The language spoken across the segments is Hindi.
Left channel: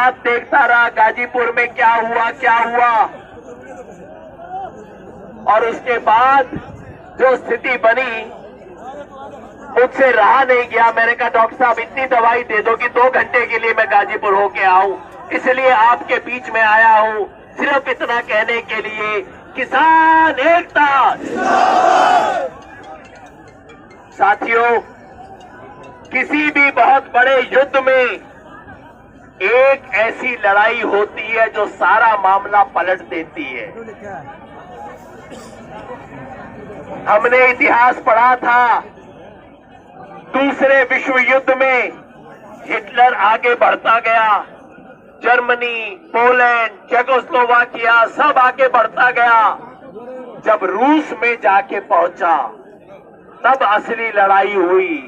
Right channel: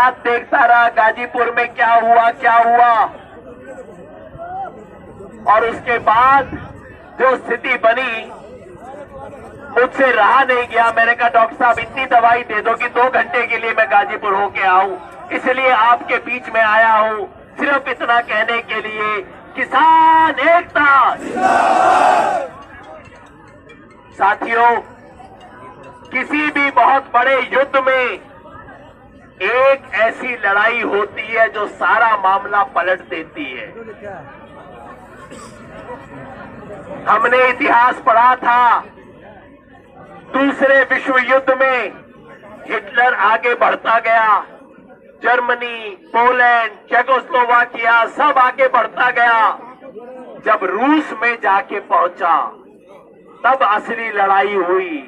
रात देखता रहा गाजीपुर में क्या हुआ। और उसके बाद जो स्थिति बनी, मुझसे रहा नहीं गया। मैंने कहा डॉक्टर साहब इतनी दवाई दे दो कि 2 घंटे के लिए मैं गाजीपुर होके आऊं, इसलिए आपके बीच में आया हूं, सिर्फ इतना कहने के लिए किसान एकता। साथियों, किसी भी बहुत बड़े युद्ध में एक ऐसी लड़ाई होती है जो सारा मामला पलट देती है। हमने इतिहास पढ़ा था, दूसरे विश्व युद्ध में हिटलर आगे बढ़ता गया, जर्मनी, पोलैंड, चेकोस्लोवाकिया सब आगे बढ़ता गया। जब रूस में जाके पहुंचा तब असली लड़ाई हुई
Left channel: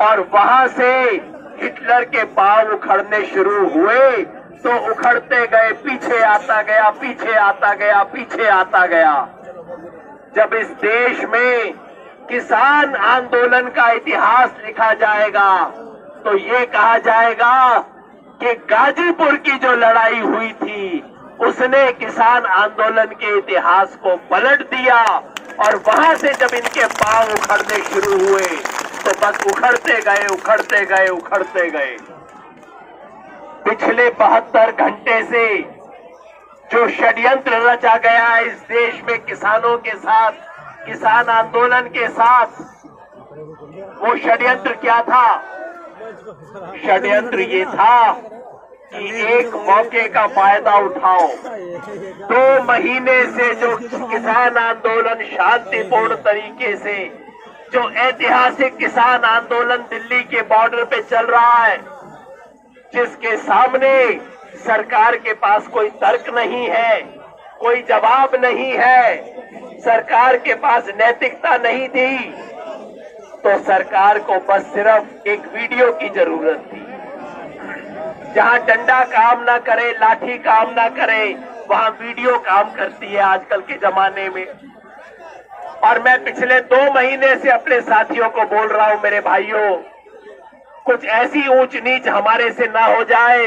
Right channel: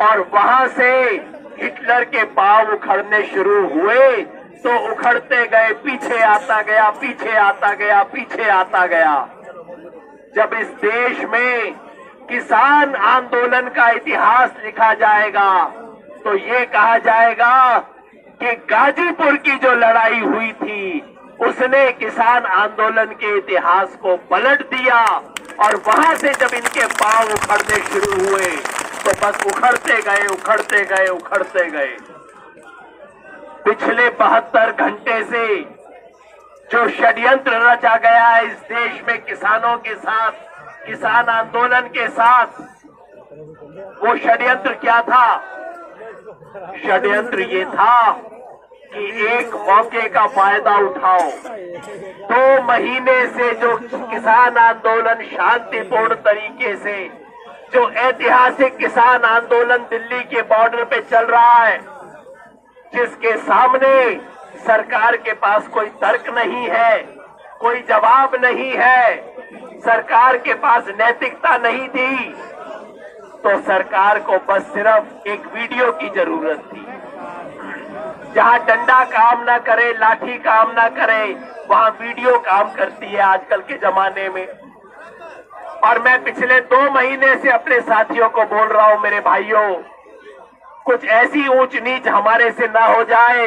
और वहां से हिटलर के पांव उखड़ने शुरू हुए तो उखड़ते गए, पीछे आता गया, पीछे आता गया, पीछे आता गया। जब इस देश में किसान आंदोलन का इतिहास लिखा जाएगा तो ये कहा जाएगा कि गाजीपुर की जो लड़ाई हुई थी उसने किसान आंदोलन के इतिहास को पलट दिया। और वहां से जब इनके पांव उखड़ने शुरू हुए तो बस उखड़ते गए, उखड़ते गए, उखड़ते गए। पिछले 72 घंटे से जो षड्यंत्र रचा गया है इस देश में किसानों के साथ, किसान आंदोलन के साथ, वो षड्यंत्र क्या था? षड्यंत्र ये था कि एक मौके का फायदा उठाओ। 2 महीने से जो किसान आंदोलन शांतिपूर्ण तरीके से, जो ऐतिहासिक किसान आंदोलन दिल्ली के बॉर्डर पे चल रहा है, जिसके सामने सरकार के पास कोई तर्क नहीं है, कोई जवाब नहीं है, सरकार के पास नैतिकता नहीं थी, तो सरकार को बस सिर्फ एक वीडियो की जरूरत थी। जहां डंडा काम ना करे, लाठी काम ना करे, वहां वीडियो काम करती है आजकल के जमाने में। और मैं पिछले 2 महीने से अपने साथियों को बोल रहा हूं, मेरे भाइयों, कुछ ऐसी ऊंच नीच हमारे से ना हो जाए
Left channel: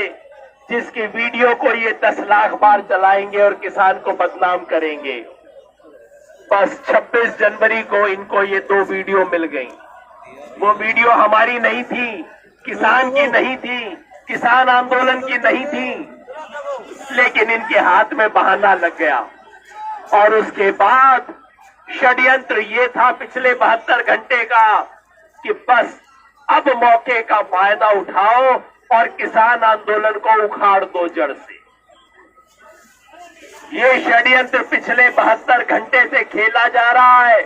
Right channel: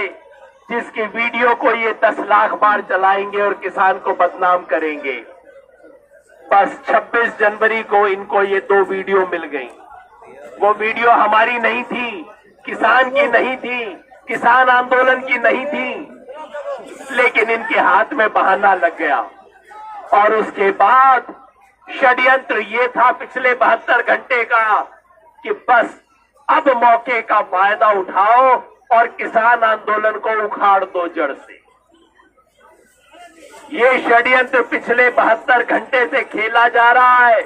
जिसकी वीडियो को ये 10 लाख बार चलाएंगे और किसान को बदनाम करेंगे। बस 26 जनवरी को इनको ये 2 वीडियो मिल गई। वो वीडियो हमारी नहीं थी, किसान की नहीं थी, किसान आंदोलन की नहीं थी, लेकिन इनके हाथ में बहाना लग गया। और उसके बाद षड्यंत्र ये था पिछले 72 घंटे का कि बस अब मौके का फायदा उठाओ और किसान आंदोलन को उखाड़ दो जड़ से। ये षड्यंत्र पिछले 72 घंटे से खेला जा रहा है।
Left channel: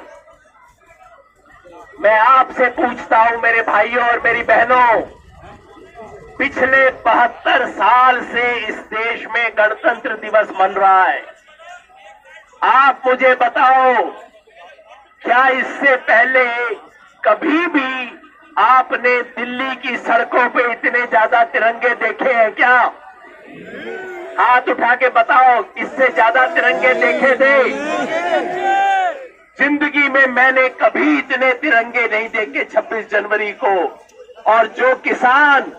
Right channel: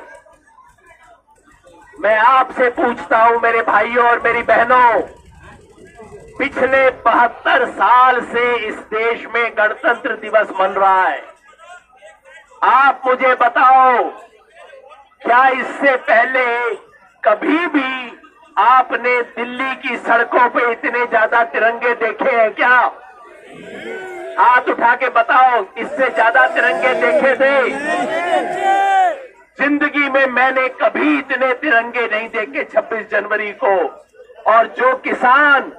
मैं आपसे पूछता हूं मेरे भाइयों और मेरी बहनों, पिछले 72 साल से इस देश में गणतंत्र दिवस मन रहा है। आप मुझे बताओ, क्या इससे पहले कभी भी आपने दिल्ली की सड़कों पे इतने ज्यादा तिरंगे देखे हैं क्या? हाथ उठा के बताओ, इससे ज्यादा तिरंगे देखे थे? जिंदगी में मैंने कभी इतने तिरंगे नहीं देखे 26 जनवरी को। और जो किसान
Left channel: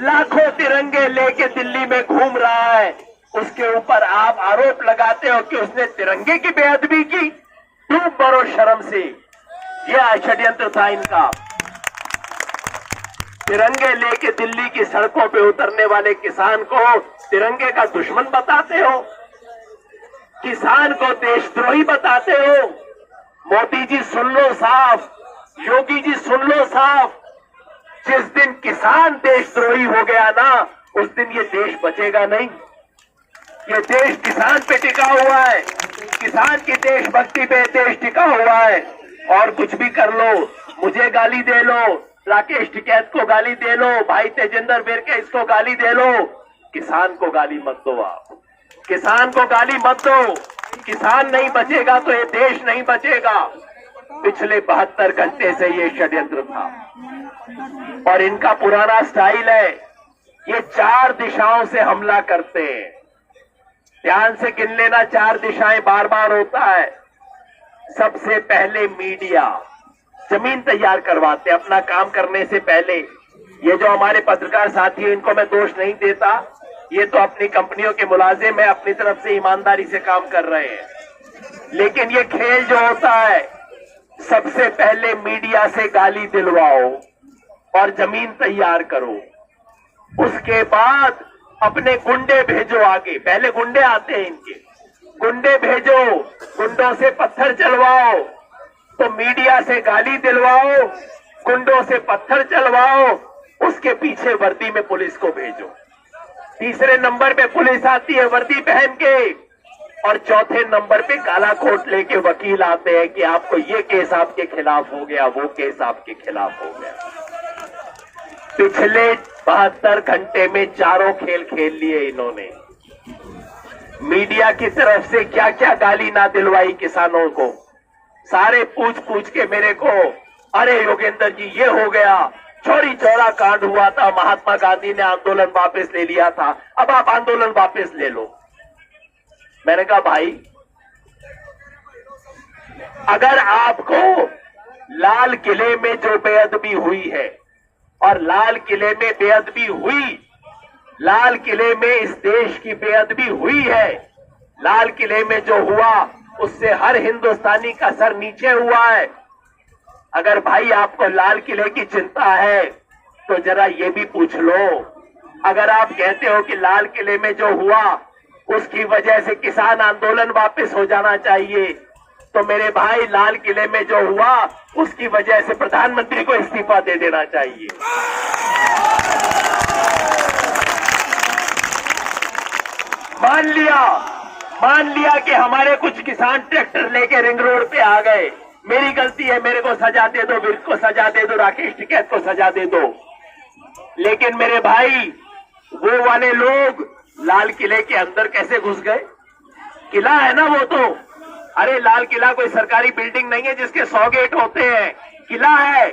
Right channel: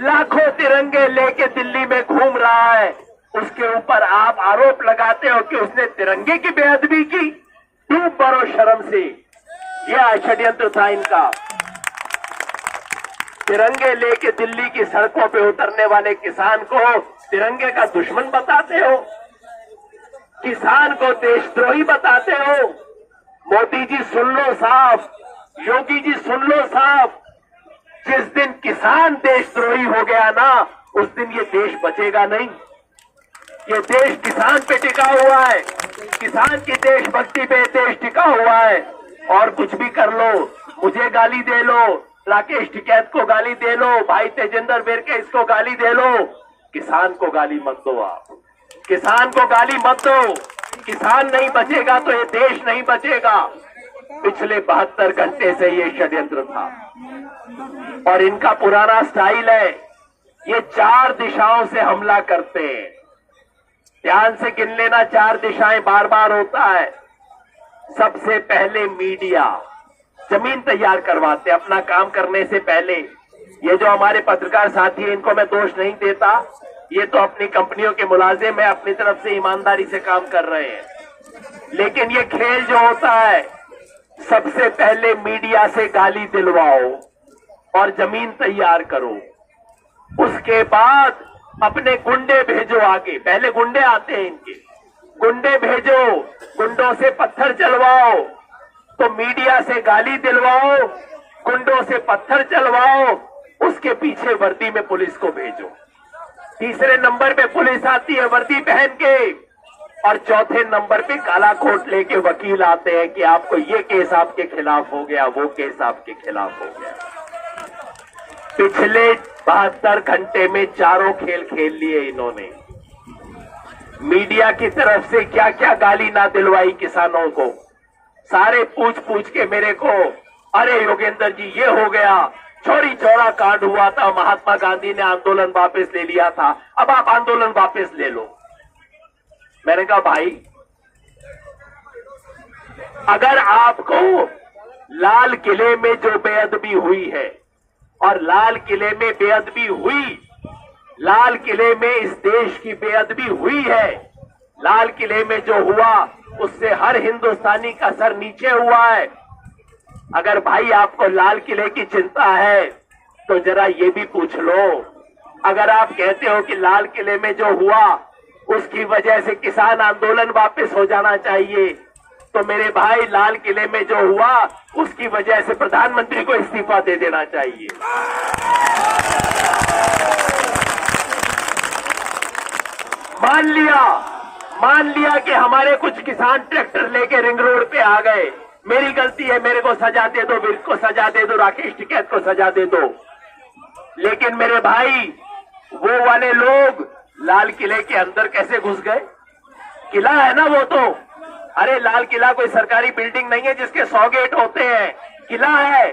लाखों तिरंगे लेके दिल्ली में घूम रहा है, उसके ऊपर आप आरोप लगाते हो कि उसने तिरंगे की बेअदबी की। डूब मरो शर्म से। यह षड्यंत्र था इनका। तिरंगे लेके दिल्ली की सड़कों पे उतरने वाले किसान को तिरंगे का दुश्मन बताते हो, किसान को देशद्रोही बताते हो। मोदी जी सुन लो साफ, योगी जी सुन लो साफ, जिस दिन किसान देशद्रोही हो गया ना, उस दिन ये देश बचेगा नहीं। ये देश किसान पे टिका हुआ है, किसान की देशभक्ति पे देश टिका हुआ है। और कुछ भी कर लो, मुझे गाली दे लो, राकेश टिकैत को गाली दे लो, भाई तेजिंदर बिरके इसको गाली दे लो, किसान को गाली मत दो। आप किसान को गाली मत दो। किसान नहीं बचेगा तो ये देश नहीं बचेगा। पिछले 72 घंटे से ये षड्यंत्र था और इनका पुराना स्टाइल है। ये 4 दिशाओं से हमला करते हैं। ध्यान से गिन लेना, 4 दिशाएं बार बार होता है। सबसे पहले मीडिया जमीन तैयार करवाते अपना काम करने से पहले। ये जो हमारे पत्रकार साथी हैं, इनको मैं दोष नहीं देता, ये तो अपनी कंपनियों के मुलाजिम है, अपनी तरफ से ईमानदारी से काम कर रहे हैं। लेकिन ये खेल जो होता है, सबसे पहले मीडिया से गाली दिलवाओ और जमीन तैयार करो, उसके बाद अपने गुंडे भेजो आगे। पहले गुंडे आते हैं इनके, गुंडे भेजो, गुंडों से पत्थर चलवाओ। तो मीडिया से गाली दिलवाओ, गुंडों से पत्थर चलवाओ, उसके पीछे वर्दी में पुलिस को भेजो। तीसरे नंबर पे पुलिस आती है वर्दी पहन के, और चौथे नंबर पे काला कोट लेके वकील आते हैं कि आपको ये केस आपके खिलाफ हो गया, वो केस आपके खिलाफ हो गया। पिछले 72 घंटे में चारों खेल खेल लिए इन्होंने। मीडिया की तरफ से क्या क्या गाली ना दिलवाई किसानों को। सारे पूछ पूछ के मेरे को, अरे योगेंद्र जी ये हो गया, चौरी चौरा कांड हुआ था, महात्मा गांधी ने आंदोलन वापस ले लिया था, अब आप आंदोलन वापस ले लो। मैंने कहा भाई, अगर आपको लाल किले में जो बेअदबी हुई है, और लाल किले में बेअदबी हुई, लाल किले में इस देश की बेअदबी हुई है, लाल किले में जो हुआ उससे हर हिंदुस्तानी का सर नीचे हुआ है। अगर भाई आपको लाल किले की चिंता है तो जरा ये भी पूछ लो, अगर आप कहते हो कि लाल किले में जो हुआ उसकी वजह से किसान आंदोलन वापस हो जाना चाहिए, तो मेरे भाई लाल किले में जो हुआ उसकी वजह से प्रधानमंत्री को इस्तीफा दे देना चाहिए। मान लिया कि हमारे कुछ किसान ट्रैक्टर लेके रिंग रोड पे आ गए, मेरी गलती है, मेरे को सजा दे दो, विर्क को सजा दे दो, राकेश टिकैत को सजा दे दो। लेकिन मेरे भाई, वो वाले लोग लाल किले के अंदर कैसे घुस गए? किला है ना वो तो, अरे लाल किला कोई सरकारी बिल्डिंग नहीं है जिसके 100 गेट होते हैं, किला है।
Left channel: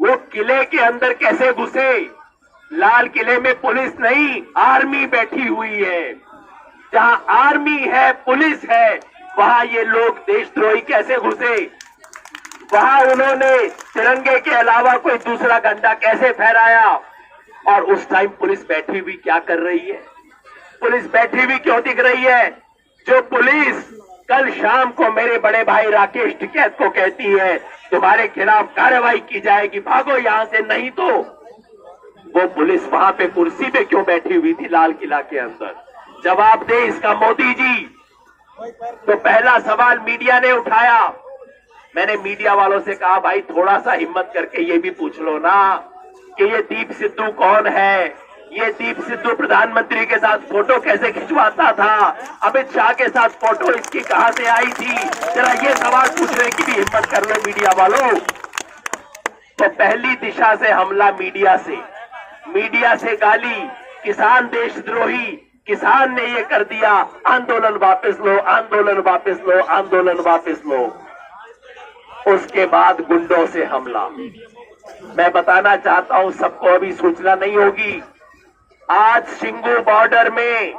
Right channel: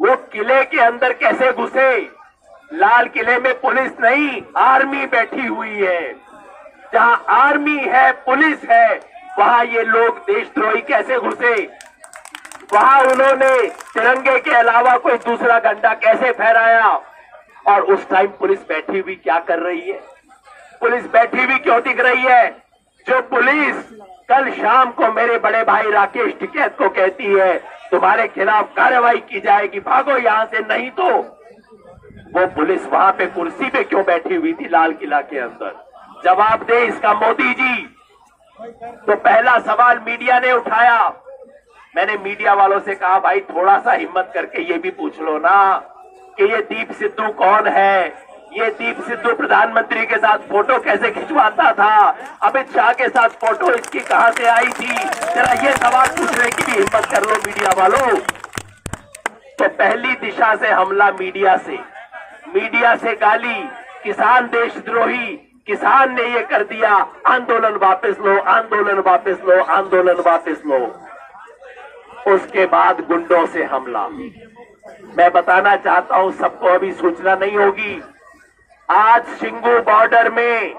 वो किले के अंदर कैसे घुसे? लाल किले में पुलिस नहीं, आर्मी बैठी हुई है। जहां आर्मी है, पुलिस है, वहां ये लोग देशद्रोही कैसे घुसे? वहां उन्होंने तिरंगे के अलावा कोई दूसरा झंडा कैसे फहराया? और उस टाइम पुलिस बैठी हुई क्या कर रही है? पुलिस बैठी हुई क्यों दिख रही है? जो पुलिस कल शाम को मेरे बड़े भाई राकेश टिकैत को कहती है तुम्हारे खिलाफ कार्रवाई की जाएगी, भागो यहां से, नहीं तो वो पुलिस वहां पे कुर्सी पे क्यों बैठी हुई थी लाल किला के अंदर? जवाब दे इसका मोदी जी। तो पहला सवाल मीडिया ने उठाया। मैंने मीडिया वालों से कहा भाई थोड़ा सा हिम्मत करके ये भी पूछ लो ना कि ये दीप सिद्धू कौन है? ये दीप सिद्धू प्रधानमंत्री के साथ फोटो कैसे खिंचवाता था? अमित शाह के साथ फोटो इसकी कहां से आई थी? जरा ये सवाल पूछने की भी हिम्मत कर लो मीडिया वालों। तो पहली दिशा से हमला मीडिया से गाली, किसान देशद्रोही, किसान ने ये कर दिया, आंदोलन वापस लो, आंदोलन वापस लो, आंदोलन वापस लो। उसके बाद गुंडों से हमला। मैं बताना चाहता हूं, सबको अभी सूचना नहीं होगी, आज शिंगू बॉर्डर में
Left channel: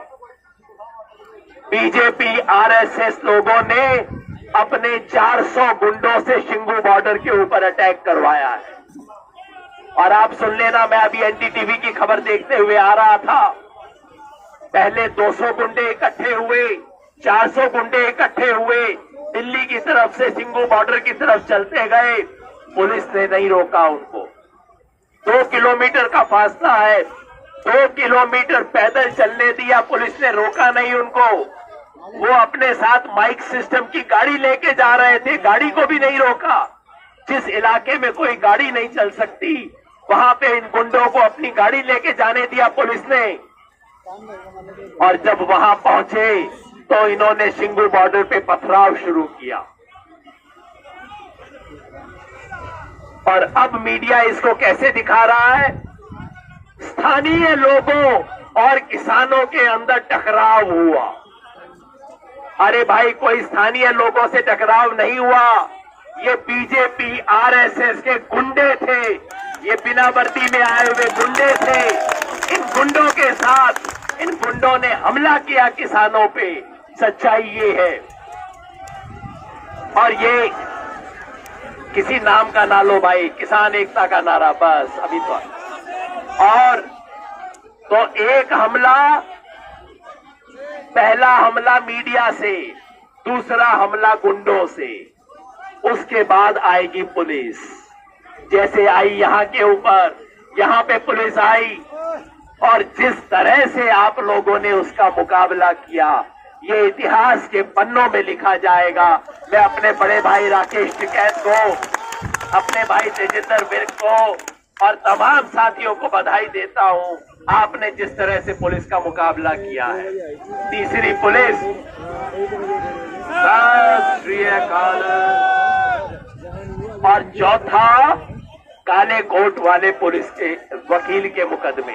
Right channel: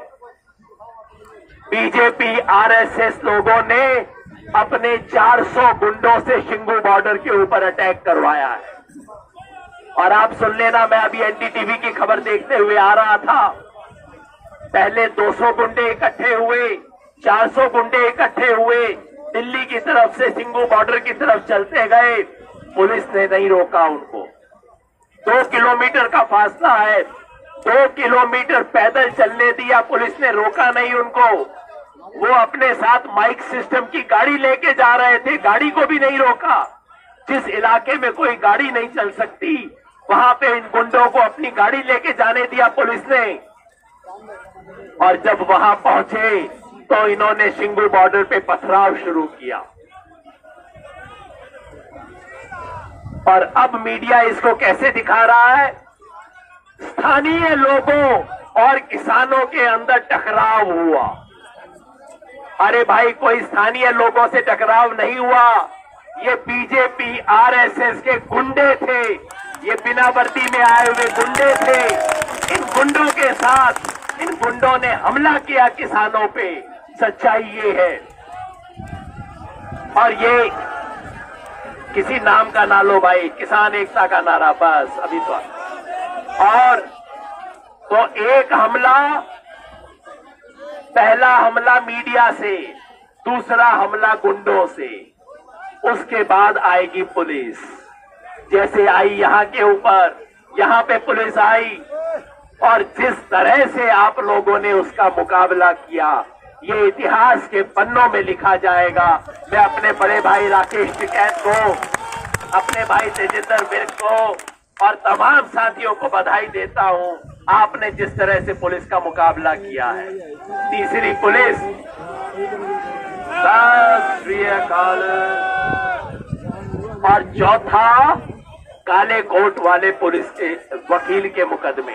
बीजेपी आरएसएस लोगों ने अपने 400 गुंडों से शिंगू बॉर्डर के ऊपर अटैक करवाया है। और आप सुन लेना, मैं अभी एनडीटीवी की खबर देखते हुए आ रहा था, पहले 200 गुंडे इकट्ठे हुए, 400 गुंडे इकट्ठे हुए, दिल्ली की तरफ से शिंगू बॉर्डर की तरफ चलते गए, पुलिस ने नहीं रोका उनको। 2 किलोमीटर का फासला है, 2 किलोमीटर पैदल चलने दिया, पुलिस ने रोका नहीं उनको। वो अपने साथ माइक सिस्टम की गाड़ी लेके जा रहे थे, गाड़ी को भी नहीं रोका। जिस इलाके में कोई गाड़ी नहीं चल सकती, वहां पे इन गुंडों को अपनी गाड़ी लेके जाने दिया पुलिस ने। और जब वहां पहुंचे तो इन्होंने शिंगू बॉर्डर पे पथराव शुरू किया। और अब मीडिया इसको कैसे दिखा रहा है? स्थानीय लोगों और किसानों के अंदर टकराव हुआ। अरे भाई, कोई स्थानीय लोगों से टकराव नहीं हुआ, ये बीजेपी आरएसएस के गुंडे थे, ये बिना वर्दी में आए हुए गुंडे थे। इन गुंडों के साथ इन गुंडों ने हमला किया किसानों पे, सच्चाई ये है। और ये किसी नाम का ना लो भाई, किसान एकता का नारा बस अभी तो। और तो एक हमला पहला हमला मीडिया से, दूसरा हमला गुंडों से, उसके बाद आएगी पुलिस। जैसे आई यहाँ के ऊपर, यहाँ पे पुलिस आई और जिस तरह से आप लोगों ने उसका मुकाबला किया, ये इतिहास के पन्नों में लिखा जाएगा। मैं अपने बड़े भाई राकेश टिकैत को, अपने भाई तेजिंदर विर्क को और तमाम साथियों को बधाई देता हूं, आपने जिस तरह से पुलिस का मुकाबला किया है। तीसरी पुलिस, सत श्री अकाल। और चौथा, काले कोट वाले पुलिस के वकील के मुकदमे।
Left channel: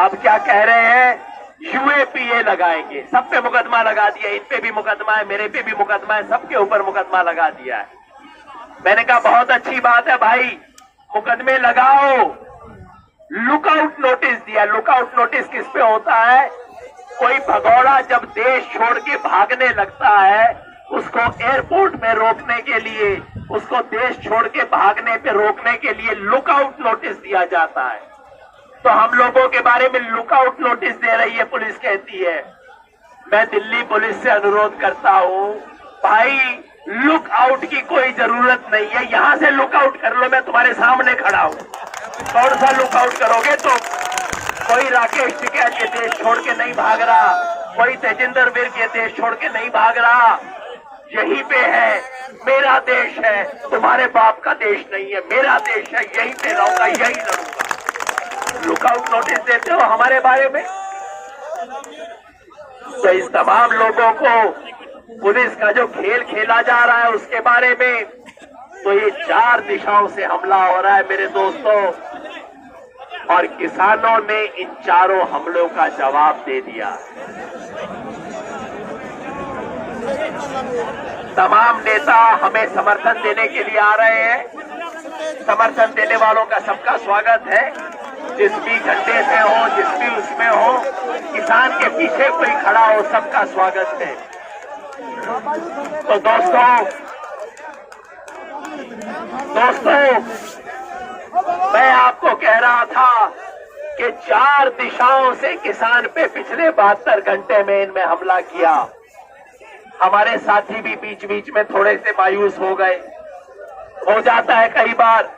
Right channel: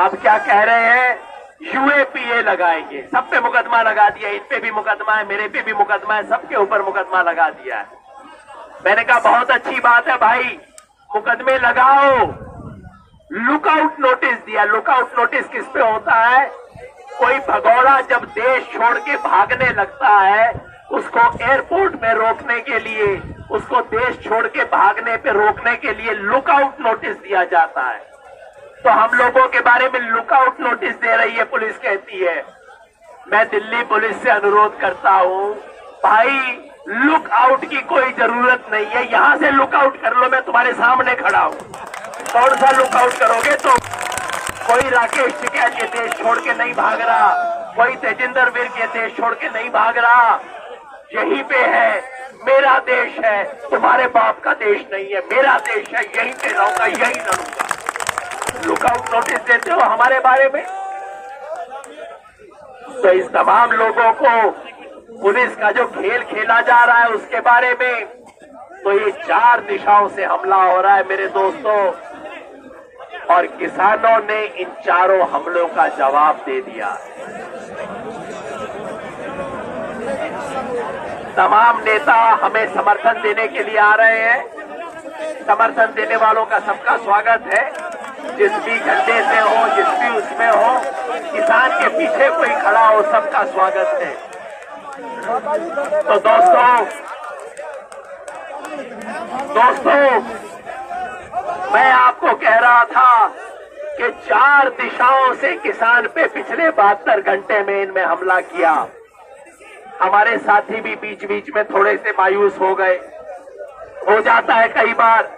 अब क्या कह रहे हैं, यूएपीए लगाएंगे, सब पे मुकदमा लगा दिया, इन पे भी मुकदमा है, मेरे पे भी मुकदमा है, सबके ऊपर मुकदमा लगा दिया है। मैंने कहा बहुत अच्छी बात है भाई, मुकदमे लगाओ। लुकआउट नोटिस दिया। लुकआउट नोटिस किस पे होता है, कोई भगौड़ा जब देश छोड़ के भागने लगता है, उसको एयरपोर्ट में रोकने के लिए, उसको देश छोड़ के भागने पे रोकने के लिए लुकआउट नोटिस दिया जाता है। तो हम लोगों के बारे में लुकआउट नोटिस दे रही है पुलिस, कहती है। मैं दिल्ली पुलिस से अनुरोध करता हूं, भाई लुक आउट की कोई जरूरत नहीं है, यहां से लुक आउट कर लो, मैं तुम्हारे सामने खड़ा हूं। कौन सा लुक आउट करोगे तुम? कोई राकेश टिकैत ये देश छोड़ के नहीं भाग रहा, कोई तेजिंदर विर्क ये देश छोड़ के नहीं भाग रहा। यहीं पे है, मेरा देश है, तुम्हारे बाप का देश नहीं है, मेरा देश है, यहीं पे रहूंगा, यहीं लड़ूंगा। लुकआउट नोटिस देते हो हमारे बारे में। तो इस तमाम लोगों को पुलिस का जो खेल खेला जा रहा है उसके बारे में, तो ये 4 दिशाओं से हमला हो रहा है मेरे दोस्तों, और किसानों ने इन चारों हमलों का जवाब दे दिया। तमाम नेता हमें समर्थन देने के लिए आ रहे हैं। समर्थन देने वालों का सबका स्वागत है, जिस भी झंडे से हो, जिस भी उसमें हो, किसान के पीछे कोई खड़ा हो, सबका स्वागत है। तो दोस्तों मैं आपको कह रहा था कि 4 दिशाओं से किसान पे पिछले 72 घंटे में इनमें हमला किया। हमारे साथी भी बीच बीच में थोड़े से मायूस हो गए, हो जाता है कई बार।